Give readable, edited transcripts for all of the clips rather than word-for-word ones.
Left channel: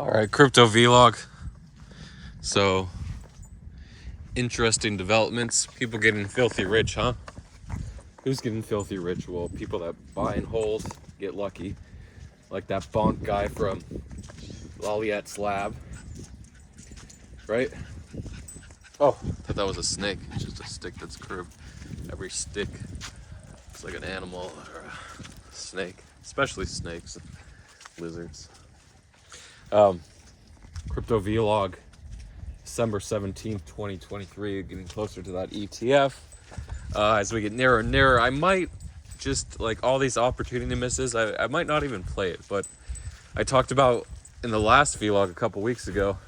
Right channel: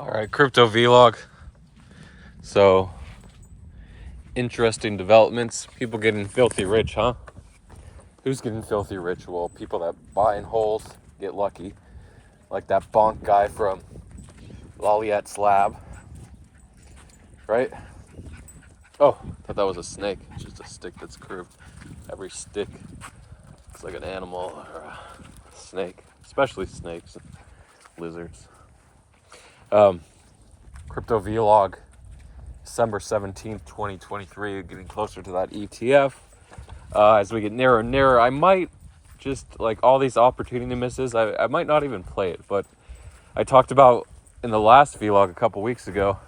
All right, crypto vlog. So, interesting developments. People getting filthy rich, huh? Who's getting filthy rich? Well, people that buy and hold get lucky. Like that bonk guy from Lolliet's lab, right? Oh, I thought that was a snake. It's just a stick that's curved. Every stick looks like an animal or a snake, especially snakes, lizards. Crypto vlog. December 17th, 2023, getting closer to that ETF. As we get nearer and nearer, I might just, like all these opportunity misses, I might not even play it, but I talked about in the last vlog a couple weeks ago.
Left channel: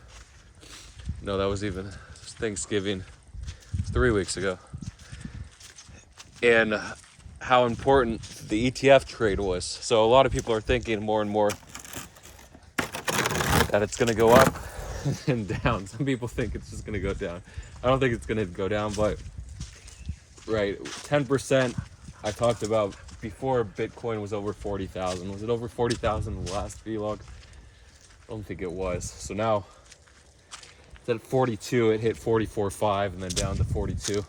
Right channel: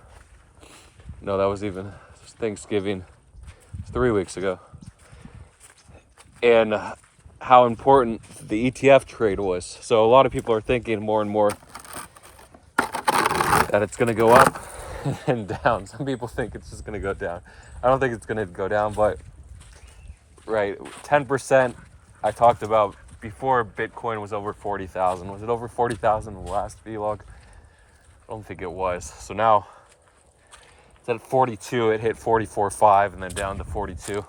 No, that was even Thanksgiving, 3 weeks ago. And how important the ETF trade was. So a lot of people are thinking more and more that it's going to go up and down. Some people think it's just going to go down. I don't think it's going to go down, but right, 10% I talked about before Bitcoin was over 40,000. Was it over 40,000 in the last vlog? I don't think it was. So now it's at 42. It hit 44.5 and then down to 42.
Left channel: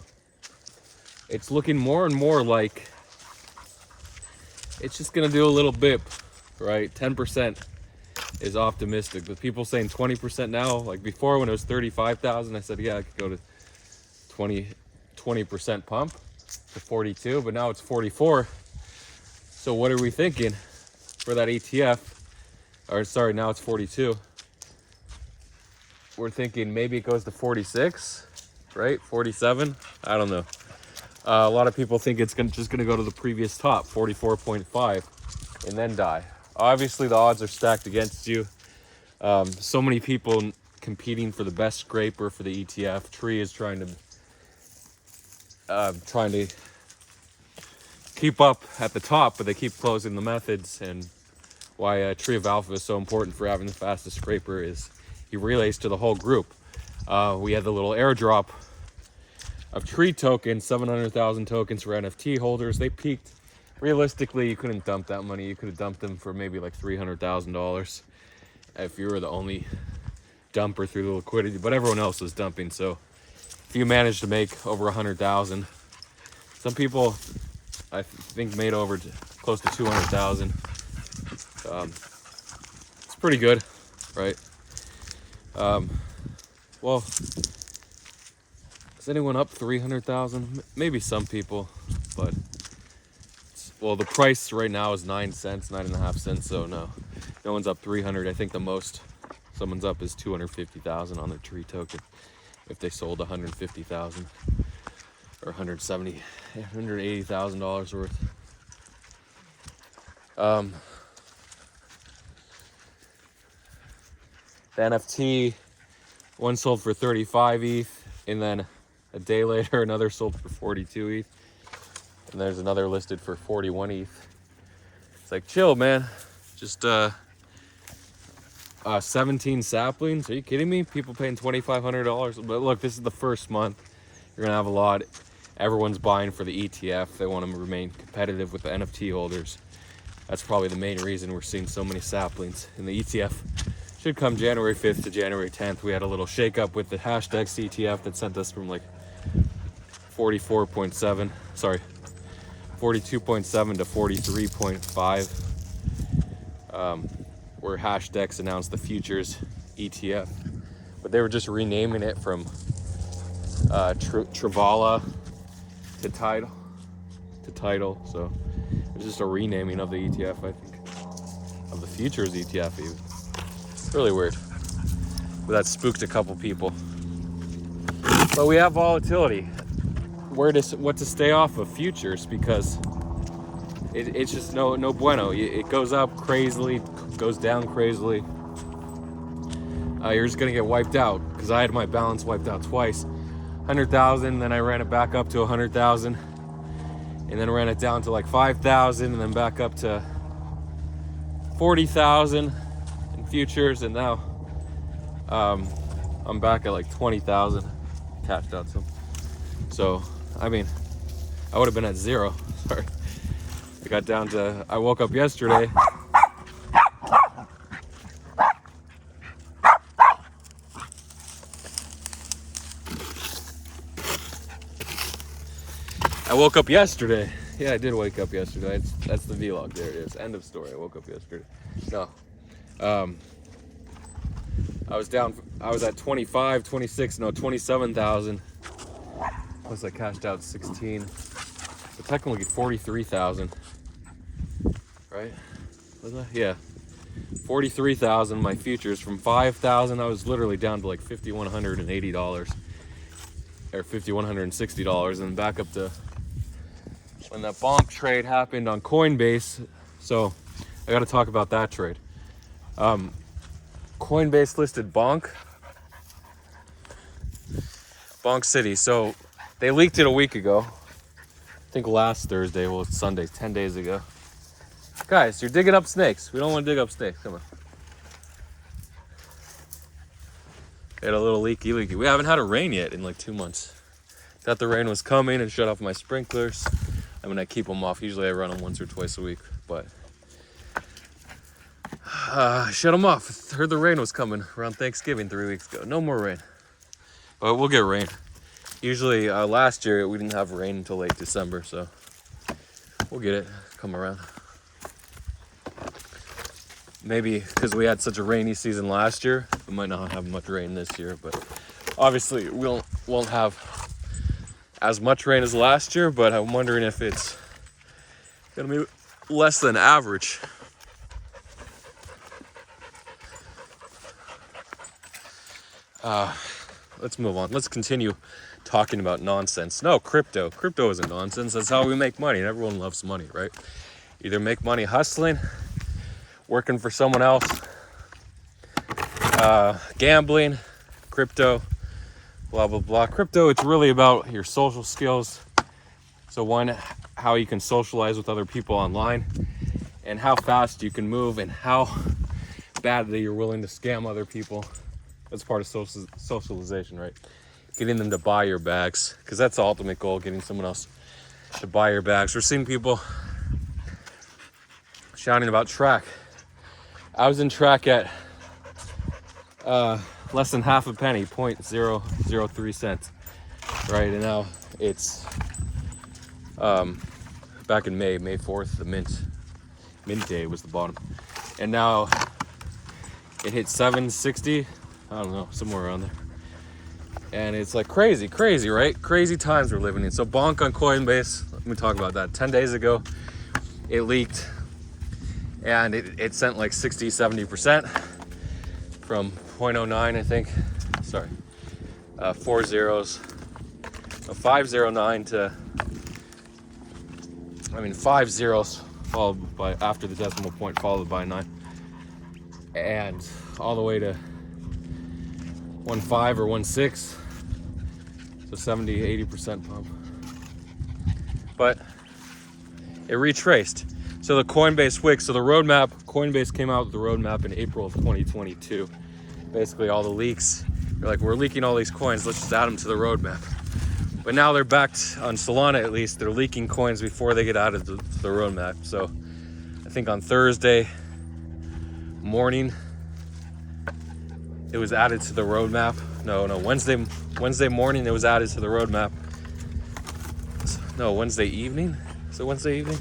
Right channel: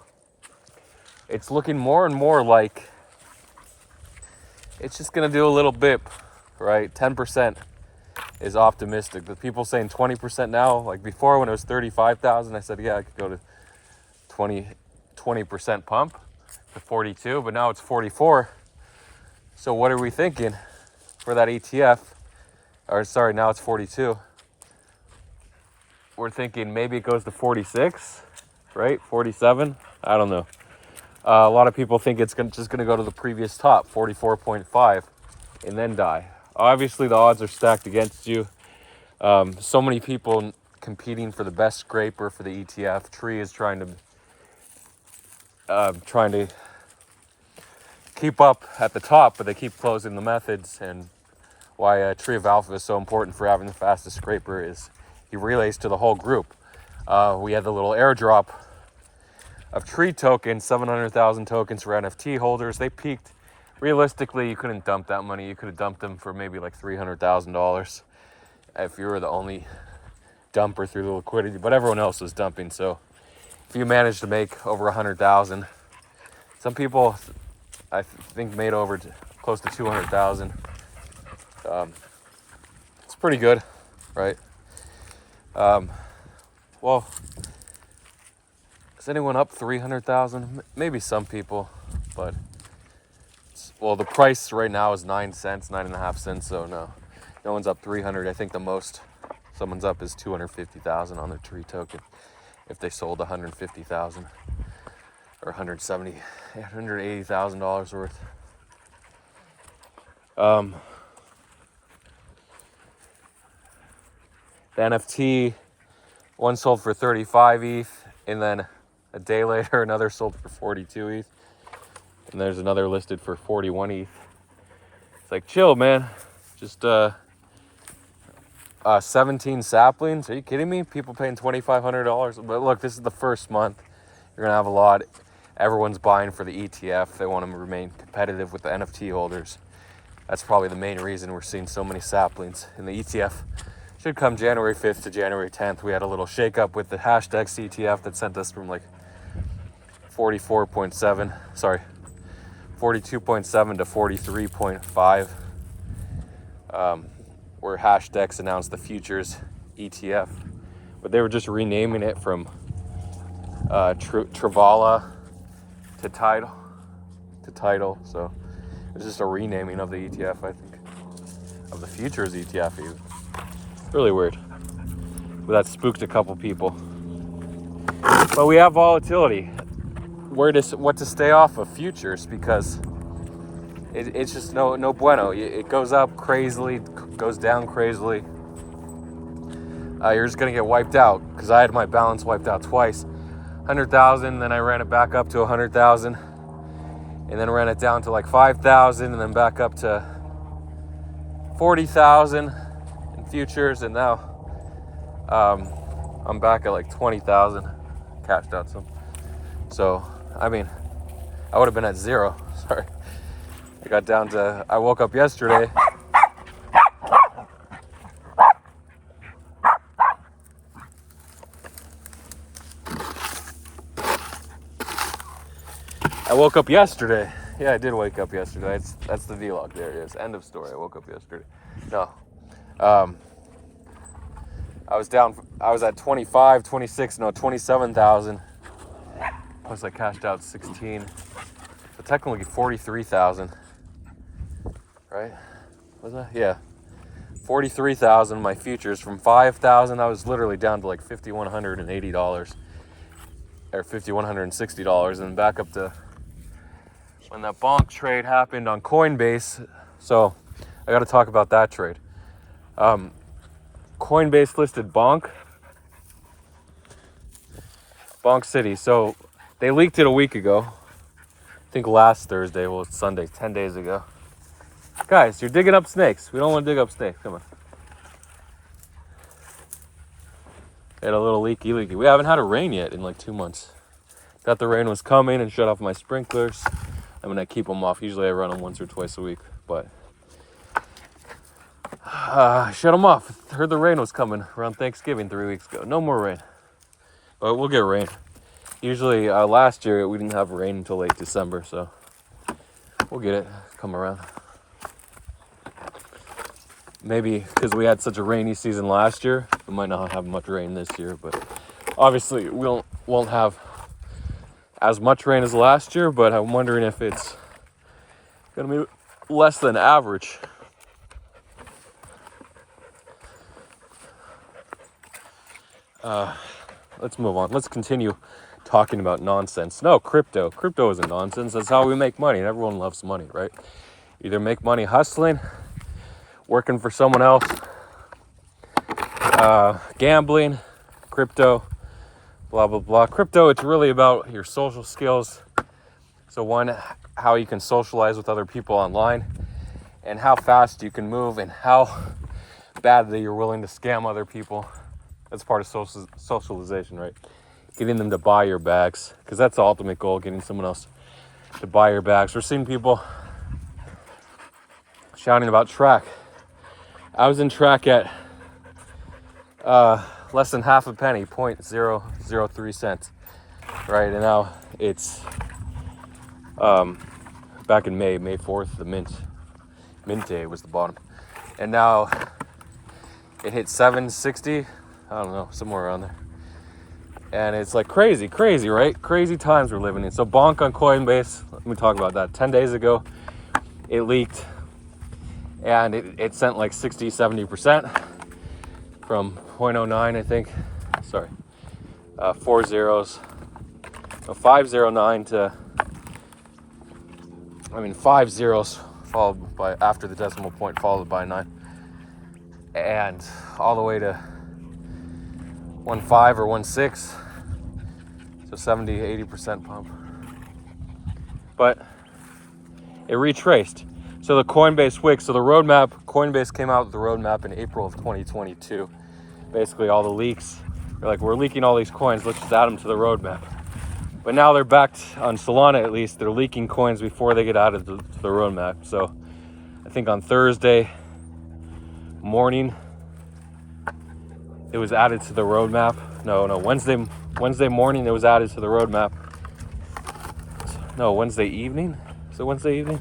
It's looking more and more like it's just going to do a little bip, right? 10% is optimistic, but people saying 20% now. Like before, when it was 35,000, I said, yeah, I could go to 20% pump to 42, but now it's 44. So what are we thinking for that ETF? Or sorry, now it's 42. We're thinking maybe it goes to 46, right? 47. I don't know. A lot of people think it's just going to go to the previous top, 44.5, and then die. Obviously, the odds are stacked against you. So many people competing for the best scraper for the ETF. Tree is trying to keep up at the top, but they keep closing the methods. And why Tree of Alpha is so important for having the fastest scraper is he relays to the whole group. We had the little airdrop of Tree tokens, 700,000 tokens for NFT holders. They peaked. Realistically, you couldn't dump that money. You could have dumped them for maybe like $300,000 if you were the only dumper through the liquidity, but everyone else was dumping. So if you managed to make over 100,000, some people I think made over close to 200,000. It's pretty good, right? Well, is anyone up 300,000? Maybe some people, but well, the price right now is 9 cents, 9.5 cents. So no one's up 300. I think the most someone's up is 250,000 on their Tree token if they sold 150,000 or $180,000 worth. The NFT, one sold for 35 ETH, and then a day later another sold for 42 ETH, and there's another listed for 41 ETH. It's like, chill, man. Just 17 saplings. Are you kidding me? People paying $2,500. But look, this is the first month. You're gonna have a lot. Everyone's buying for the ETF. They want to remain competitive with the NFT holders. That's probably the main reason we're seeing so many saplings. In the ETF should come January 5th to January 10th. We had a little shakeup with the hashtag ETF that sent us from like 42.7 to 43.5. Where Hashdex announced the futures ETF, but they were just renaming it from Travala to Tidal. So it's just a renaming of the ETF, I think, of the futures ETF. Even really weird, but that spooked a couple people. But we have volatility. What to stay off of futures, because it's just no bueno. It goes up crazily, goes down crazily. You're just gonna get wiped out, because I had my balance wiped out twice. 100,000, then I ran it back up to 100,000, and then ran it down to like 5,000, and then back up to 40,000 in futures, and now I'm back at like 20,000. Cashed out some. So I mean, I would have been at zero. Sorry. I woke up yesterday I woke up yesterday. Yeah, I did wake up yesterday. That's the vlog. There it is. End of story. I woke up yesterday. No. I was at 27,000. Plus I cashed out 16. So technically 43,000. Right? Was that? Yeah. 43,000 my futures. From 5,000 I was literally down to like $5,180 or $5,160, and back up to when that bonk trade happened on Coinbase. So I got to talk about that trade. Coinbase listed Bonk City. So they leaked it a week ago. I think last Thursday. Well, it's Sunday, 10 days ago. Guys, you're digging up snakes. We don't want to dig up snakes. Come on. Had a little leaky. We haven't had a rain yet in like 2 months. Thought the rain was coming and shut off my sprinklers. I mean, I keep them off. Usually I run them once or twice a week, but shut them off. Heard the rain was coming around Thanksgiving 3 weeks ago. No more rain, but we'll get rain. Usually last year we didn't have rain until late December, so we'll get it. Come around. Maybe because we had such a rainy season last year, we might not have much rain this year, but obviously we won't have as much rain as last year, but I'm wondering if it's gonna be less than average. Let's move on. Let's continue talking about nonsense. No, crypto. Crypto isn't nonsense. That's how we make money, and everyone loves money, right? Either make money hustling, working for someone else, gambling, crypto, blah, blah, blah. Crypto, it's really about your social skills. So one, how you can socialize with other people online, and how fast you can move, and how badly you're willing to scam other people. That's part of socialization, right? Getting them to buy your bags, because that's the ultimate goal, getting someone else to buy your bags. We're seeing people shouting about Track. I was in Track at less than half a penny, 0.003 cents, right? And now it's back in May 4th, the mint day was the bottom, and now it hit 760. I don't know, somewhere around there. And it's like crazy, right? Crazy times we're living in. So Bonk on Coinbase, let me talk about that. 10 days ago, it leaked, and it sent like 60, 70% from 0.09, I think. Sorry, 4 zeros. So 509 to, 5 zeros followed by, after the decimal point, followed by 9. And all the way to 1.5 or 1.6. So 70, 80% pump. But it retraced. So the Coinbase Wix, so the roadmap, Coinbase came out with the roadmap in April of 2022. Basically all the leaks, they're like, we're leaking all these coins, let's just add them to the roadmap. But now they're backed, on Solana at least, they're leaking coins before they get added to the roadmap. So I think on Thursday morning, it was added to the roadmap. No, Wednesday morning it was added to the roadmap. No, Wednesday evening? Is it Wednesday evening?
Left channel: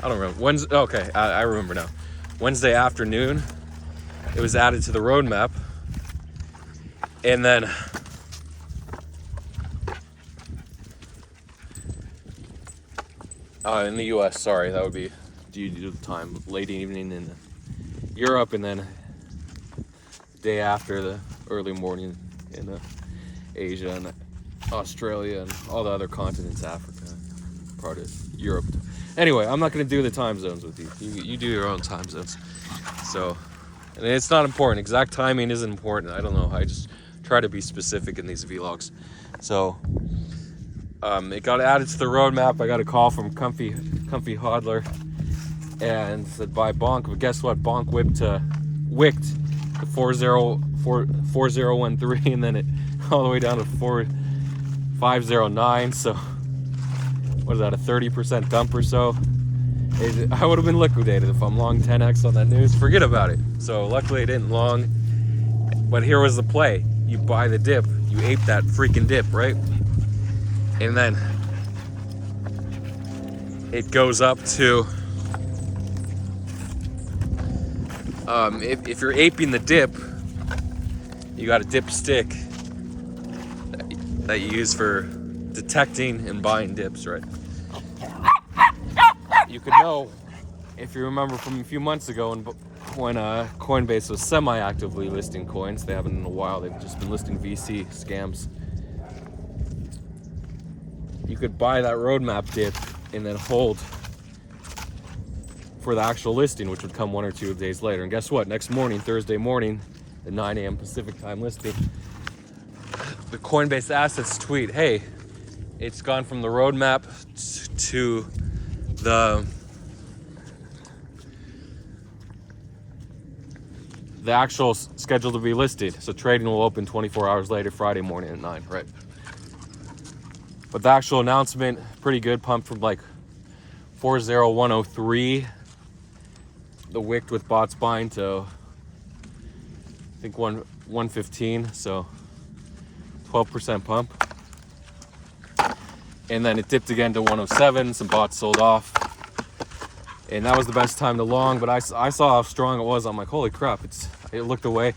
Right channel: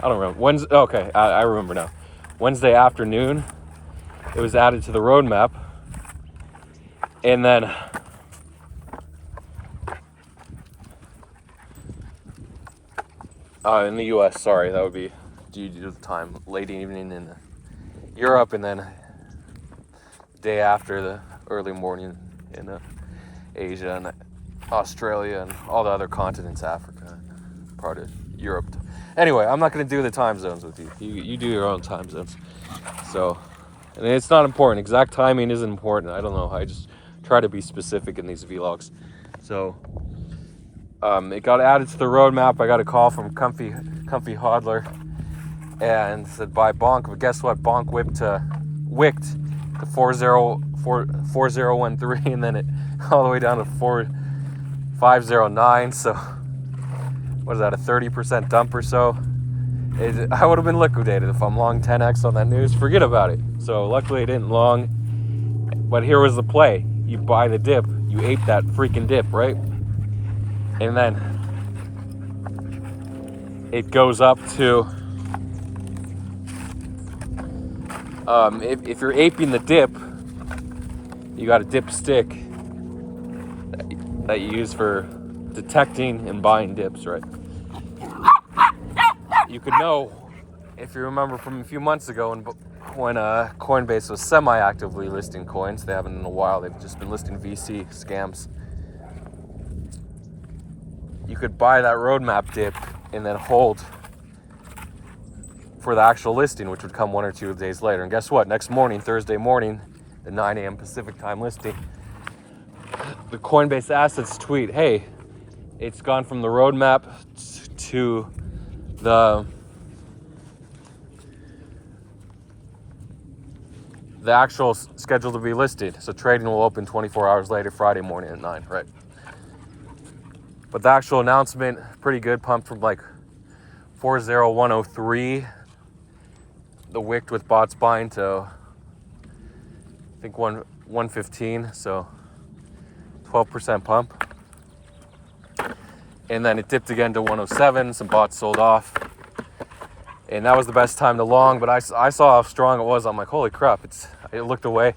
I don't remember. Okay, I remember now. Wednesday afternoon, it was added to the roadmap. And then in the US, sorry, that would be due to the time, late evening in Europe, and then day after, the early morning in Asia and Australia and all the other continents, Africa, part of Europe. Anyway, I'm not going to do the time zones with you. You do your own time zones. So, and it's not important. Exact timing isn't important. I don't know. I just try to be specific in these vlogs. So, it got added to the roadmap. I got a call from Comfy Hodler and said buy Bonk. But guess what? Bonk wicked to 4013, and then it all the way down to 509. So what is that, a 30% dump or so? I would have been liquidated if I'm long 10x on that news. Forget about it. So luckily I didn't long, but here was the play. You buy the dip, you ape that freaking dip, right? And then it goes up to, if you're aping the dip, you got a dip stick that you use for detecting and buying dips, right? You could know, if you remember from a few months ago when Coinbase was semi-actively listing coins. They haven't in a while. They've just been listing VC scams. You could buy that roadmap dip and then hold for the actual listing, which would come 1 or 2 days later. And guess what? Next morning, Thursday morning, the 9 a.m. Pacific time listing, the Coinbase Assets tweet, hey, it's gone from the roadmap to the actual schedule to be listed. So trading will open 24 hours later, Friday morning at 9, right? But the actual announcement, pretty good, pumped from like 40103, the wicked with bots buying, to I think 115, so 12% pump. And then it dipped again to 107, some bots sold off. And that was the best time to long, but I saw how strong it was. I'm like, holy crap, it looked away.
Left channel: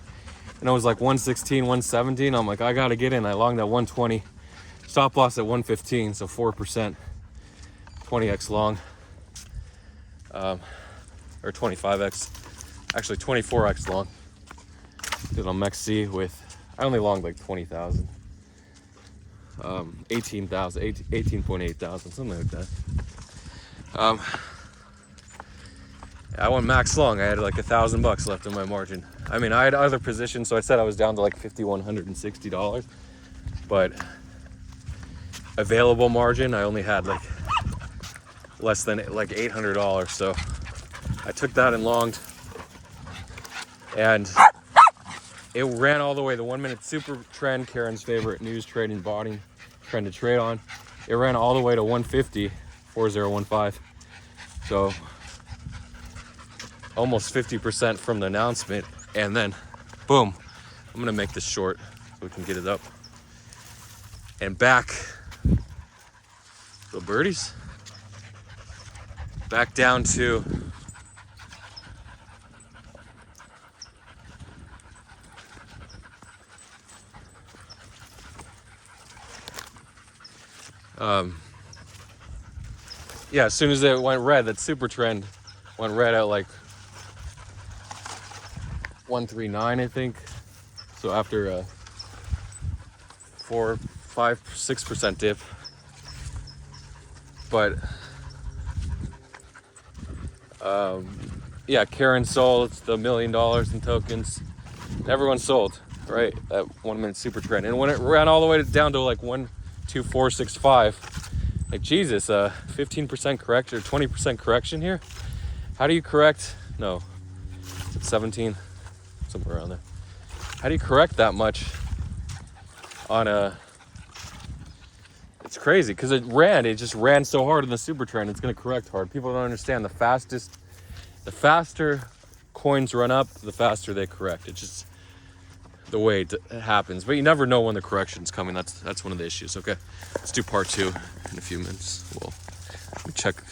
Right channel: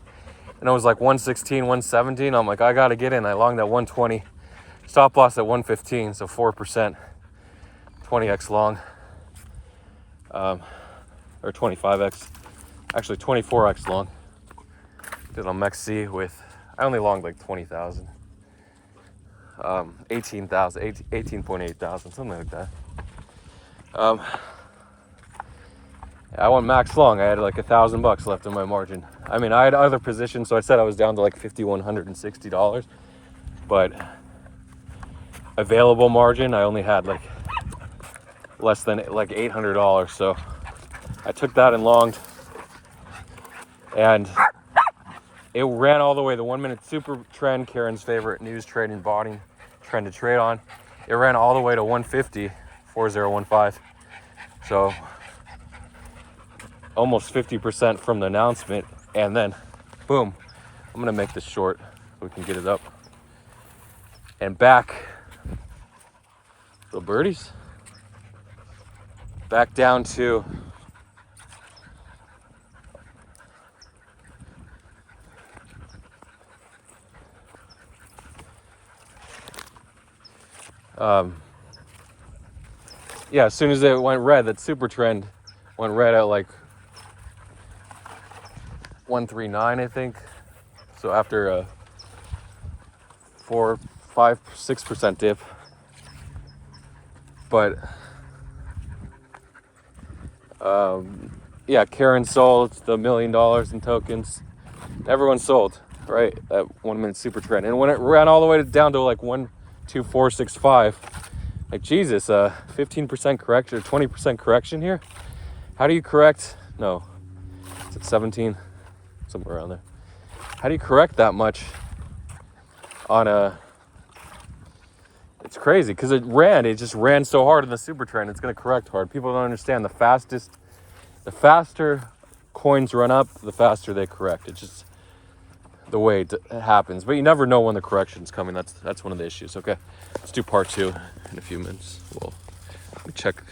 And it was like 116, 117. I'm like, I gotta get in. I longed at 120. Stop loss at 115, so 4%, 20x long. Or 25x, actually 24x long. Did on MEXC with, I only longed like 20,000. 18,000, 18.8 thousand, something like that. I went max long. I had like $1,000 left in my margin. I mean, I had other positions, so I said I was down to like $5,160, but available margin, I only had like less than like $800. So I took that and longed, and it ran all the way. The 1 minute super trend, Karen's favorite news trading botting trend to trade on, it ran all the way to 150, 4015. So almost 50% from the announcement, and then boom, I'm gonna make this short so we can get it up and back. Go birdies. Back down to yeah, as soon as it went red, that super trend went red at like 139, I think. So after a 4, 5, 6% dip. But yeah, Karen sold the $1 million in tokens. Everyone sold, right? At 1 minute super trend. And when it ran all the way down to like 12465, like Jesus, 15% correction or 20% correction here. How do you correct? No, it's 17, somewhere around there. How do you correct that much on a? It's crazy because it just ran so hard in the super trend. It's gonna correct hard. People don't understand the faster coins run up, the faster they correct. It's just the way it happens. But you never know when the correction's coming. That's one of the issues. Okay, let's do part 2 in a few minutes. Well, let me check